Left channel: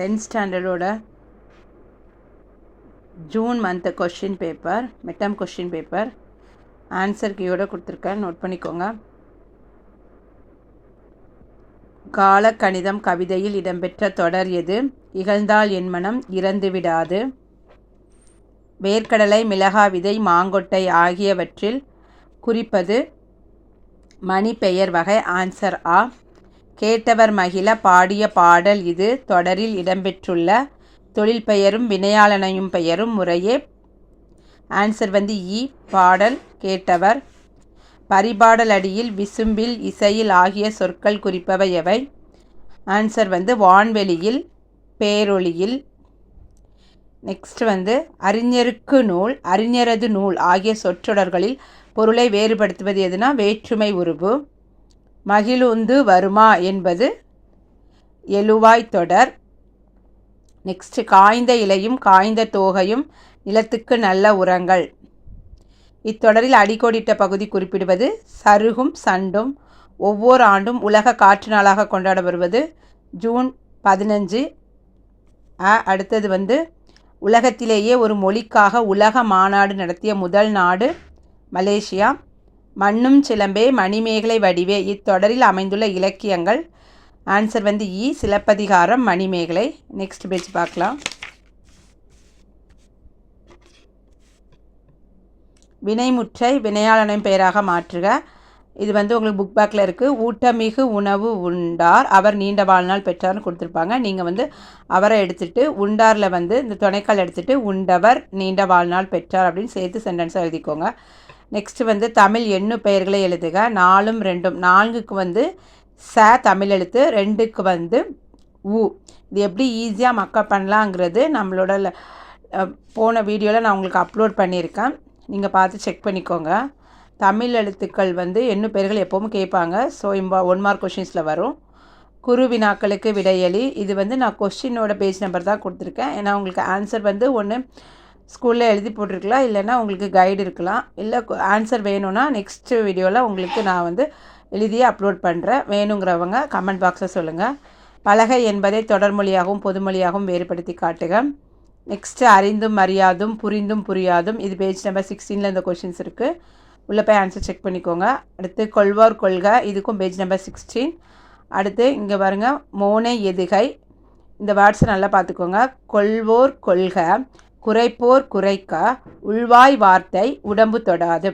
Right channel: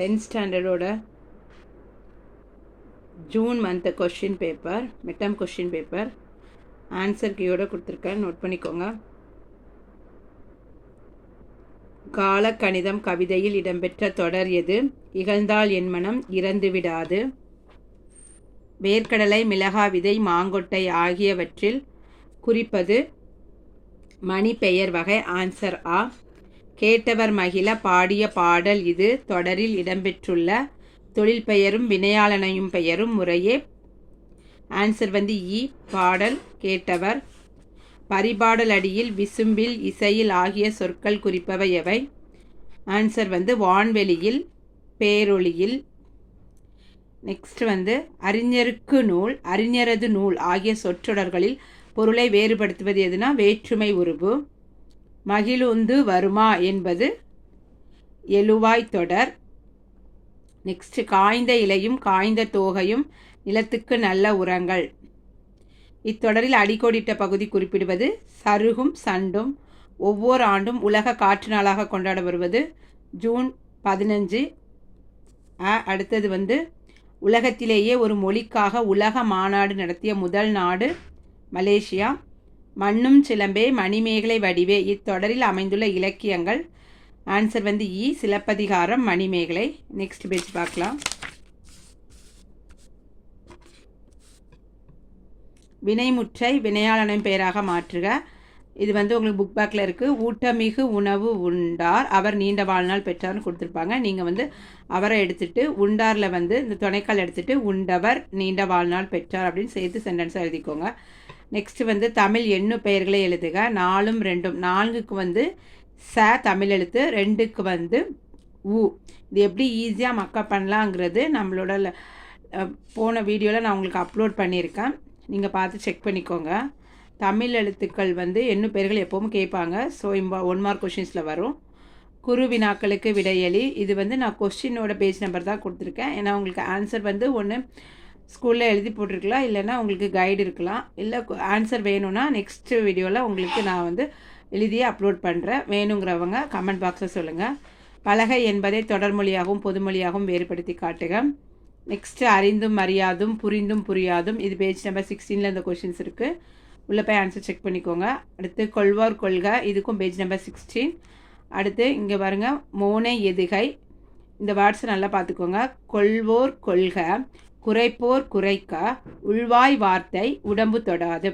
10th ஸ்டாண்டர்டோட June month question paper, midterm question paper answer கீயோட கொடுத்துருக்கேன், நோட் பண்ணிக்கோங்க. கால கணிதம் கவிதையில் இடம்பெற்ற தொடர் எது? இகழ்ந்தால் என் மனம் இறந்து விடாது. வேர்க்கடலை, மிளகா விதை, மாங்கொட்டை ஆகியவற்றில் குறிப்பது மணி பெயர் வகை. ஆன்சர் ஆ. கேட்டவர் மகிழ பாடிய பாடல் இது. தொடரில் இடம்பெற்றுள்ள தொழில் பெயரும் வினையாளனையும் பெயரும் முறையே. ஆன்சர் இ. பாடல் கேட்டவர். பரிபாடல் அடியில், விசும்பில், இசையில் ஆகிய சொற்கள் குறிப்பவை எவை? ஆன்சர் வான்வெளியில், பேரொளியில். நெக்ஸ்ட் அறிஞருக்கு நூல், அறிஞரது நூல் ஆகிய சொற்றொடர்களில் பொருளை வேறுபடுத்துவது எதுனா வேற்றுமை உருபு. மகிழுந்து வருமா என்பது எழுவாய் தொடர். நெக்ஸ்ட் காய்ந்த இலையும் காய்ந்த தோகையும் நிலத்துக்கு நல்ல உரங்கள். இத்தொடரில் அடிக்கோடிட்ட பகுதி குறிப்பிடுவது சருகும் சண்டும். ஒவ்வொரு ஆண்டும் உலக காற்று நாளாக கொண்டாடப்படுவது ஜூன் 15. அடுத்தது உலகத்திலேயே ஒரு மொழிக்காக உலக மாநாடு நடத்திய முதல் நாடு மலேசியா. மண்ணும் சிலம்பே மணிமேகலை வடிவே இத்தொடரில் அமைந்துள்ள இலக்கியங்கள். ஆன்சர் இ. சிலப்பதிகாரம், மணிமேகலை. நெக்ஸ்ட் பேஜ் பார்க்கலாம். வினைமுற்றை வினையாளனின் பெயராக மாற்றுக. இது உங்களுக்கு புக் பேக்கில் இருக்குது. ஊட்டமிகு உணவு உண்டார், அவர் நீண்ட வாழ்நாள் பெற்றார்னு கொடுத்துருப்பாங்க. நீங்கள் அவரை எடுத்துகிட்டு உண்டாரில் இந்த துணைக்கால் எடுத்துகிட்டு உண்டவர் நீண்ட வாழ்நாள் பெற்றார் அப்படின்னு சேர்த்து சென்டென்ஸாக எழுதிக்கோங்க. நெக்ஸ்ட்டு தமிழ் எண்ணு பெயர்களை எழுதுக. 4 2. 4க்கு ச தமிழ் எழுத்து, 2க்கு உ. இது எப்படி ஈஸியாக மக்கப் பண்ணலாங்கிறது நம்மளோட போன வீடியோவில் நான் உங்களுக்கு அப்லோட் பண்ணியிருக்கேன், நீங்கள் பார்த்து செக் பண்ணிக்கோங்க. தமிழ் எழுத்துக்கள் எண்ணு பெயர்கள் எப்போவும் கேட்பாங்க. ஸோ 1 மார்க் கொஷின்ஸில் வரும். குறு வினாக்களுக்கு விடையளி. இது நான் கொஷினோட பேஜ் நம்பர் தான் கொடுத்துருக்கேன். ஏன்னா உங்களுக்கு ஆன்சர் ஒன்று ஸ்கூலில் எழுதி போட்டிருக்கலாம், இல்லைன்னா உங்களுக்கு கைடு இருக்கலாம். இல்லை ஆன்சர் வேணும்னா நெக்ஸ்ட் வீடியோவில் உங்களுக்கு நான் எழுதியே அப்லோட் பண்ணுறேன். வேணுங்கிறவங்க கமெண்ட் பாக்ஸில் சொல்லுங்கள். பலகை என்பதை தொடர்மொழியாகவும் பொதுமொழியாகவும் வேறுபடுத்தி காட்டுக. நெக்ஸ்ட்டு அறிந்தும் அறியாதும், புரிந்தும் புரியாதும். இது பேஜ் நம்பர் 16 இந்த கொஷின்ஸ் இருக்குது. உள்ளே போய் ஆன்சர் செக் பண்ணிக்கோங்க. அடுத்து கொள்வார் கொள்க, இதுக்கும் பேஜ் நம்பர் 16. அடுத்து இங்கே பாருங்கள், மோனை எதுகை. இந்த வேர்ட்ஸை நல்லா பார்த்துக்கோங்க. கொள்வோர் கொள்க, குறைப்போர் குறைக்க, உள்வாய் வார்த்தை உடம்பு தொடாது.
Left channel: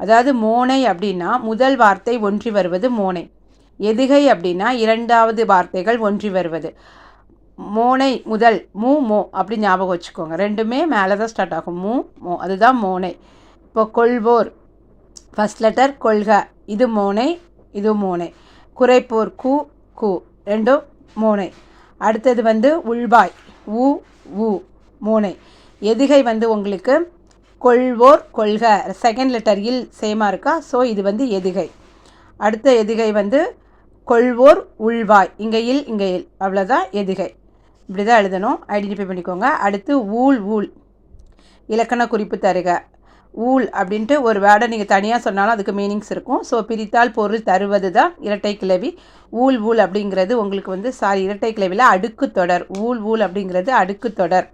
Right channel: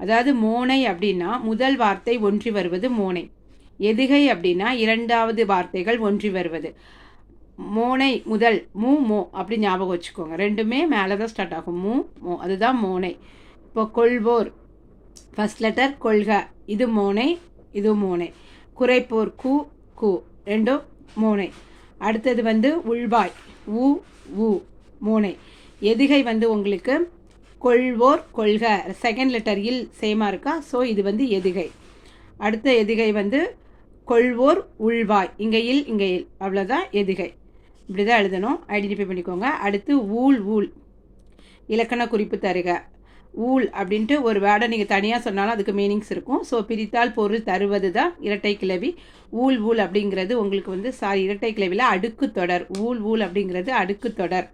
அதாவது மோனை அப்படின்னா முதல் வார்த்தை ஒன்றி வருவது மோனை. எதுகை அப்படின்னா இரண்டாவது வார்த்தைகள் ஒன்றி வருவது. மோனை முதல் மூ மோ அப்படி ஞாபகம் வச்சுக்கோங்க. ரெண்டுமே மேலே தான் ஸ்டார்ட் ஆகும். மூ மோ, அதுதான் மோனை. இப்போ கொள்வோர் ஃபஸ்ட் லெட்டர், கொள்க இது மோனை, இது மோனை. குறைப்போர் கு கு, ரெண்டும் மோனை. அடுத்தது உள்வாய் ஊ ஊ, மோனை. எதுகை உங்களுக்கு கொள்வோர் கொள்க, செகண்ட் லெட்டர் இல் சேமாக இருக்கா, ஸோ இது எதுகை. அடுத்த எதுகை கொள்வோர் உள்வாய், இங்கே இல் இங்கே இல், அவ்வளோதான் எதுகை. இப்படி தான் எழுதணும், ஐடென்டிஃபை பண்ணிக்கோங்க. அடுத்து ஊழ் ஊழ், இலக்கண குறிப்பு தருக. ஊழ் அப்படின்ட்டு ஒரு வேர்டை நீங்கள் தனியாக சொன்னாலும் அதுக்கு மீனிங்ஸ் இருக்கும். ஸோ பிரித்தால் பொருள் தருவது தான் இரட்டை கிளவி. ஊழ் ஊழ் அப்படிங்கிறது உங்களுக்கு இரட்டை கிளவியில் அடுக்கு தொடர். ஊழ் ஊழ் அப்படிங்கிறது அடுக்கு தொடர்.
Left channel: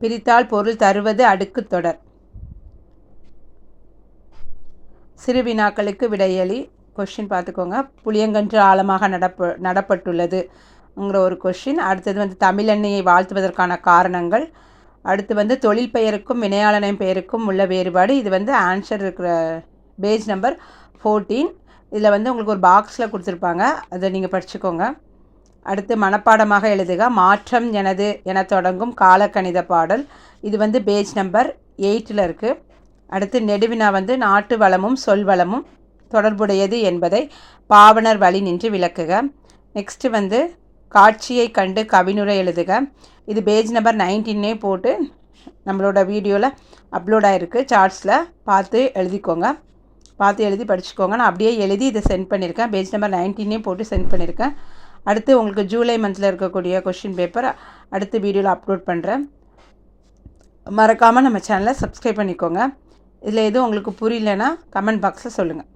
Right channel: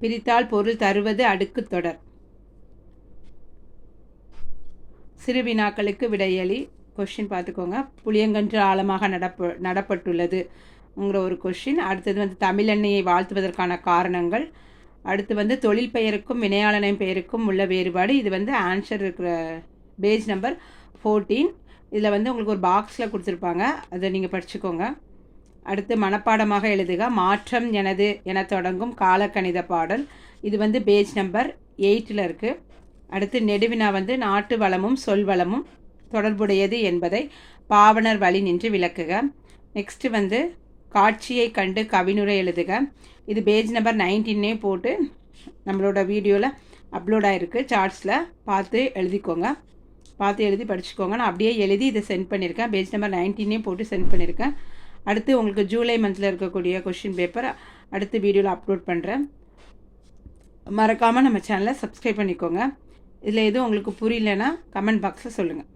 பிரித்தால் பொருள் தருவது அடுக்கு தொடர். சிறு வினாக்களுக்கு விடையளி. கொஷின் பார்த்துக்கோங்க. புளியங்கன்று ஆழமாக நடப்பட்டுள்ளதுங்கிற ஒரு கொஷின். அடுத்தது தமிழெண்ணெயை வாழ்த்துவதற்கான காரணங்கள். அடுத்து தொழில் பெயருக்கும் வினையாளனின் பெயருக்கும் உள்ள வேறுபாடு. இது ஆன்சர் இருக்கிற பேஜ் நம்பர் 14. இதில் உங்களுக்கு ஒரு பாக்ஸில் கொடுத்துருப்பாங்க, அதை நீங்கள் படிச்சுக்கோங்க. அடுத்து மனப்பாடமாக எழுதுக. மாற்றம் எனது என தொடங்கும் காலக்கணித பாடல். இது பேஜ் நம்பர் 8 இருக்குது. அடுத்து நெடுவினா நாட்டு வளமும் சொல் வளமும் தொடர்புடையது என்பதை பாவனர் வழி நின்று விளக்குக. நெக்ஸ்ட்டு காட்சியை கண்டு கவினுரை எழுதுக. இது பேஜ் நம்பர் 19 போட்டு நம்மளோட வீடியோவில் அப்லோட் ஆகிருக்கு. சார்ட்ஸில் பார்த்து எழுதிக்கோங்க, பார்த்து எழுதி படிச்சுக்கோங்க. நான் அப்படியே எழுதி இதை சென்ட் பண்ணியிருக்கேன். பேஜ் நம்பர் 19 போட்டு சென்ட் பண்ணியிருக்கேன். அடுத்து உங்களுக்கு ஜூலை மந்தில் இருக்கக்கூடிய கொஷின் பேப்பர் அடுத்த வீடியோவில் அப்லோட் பண்ணுறேன். மறக்காமல் நம்ம சேனலை சப்ஸ்கிரைப் பண்ணிக்கோங்க. இதில் எதுவும் உங்களுக்கு புரியலன்னா கமெண்ட் பாக்ஸில் சொல்லுங்கள்.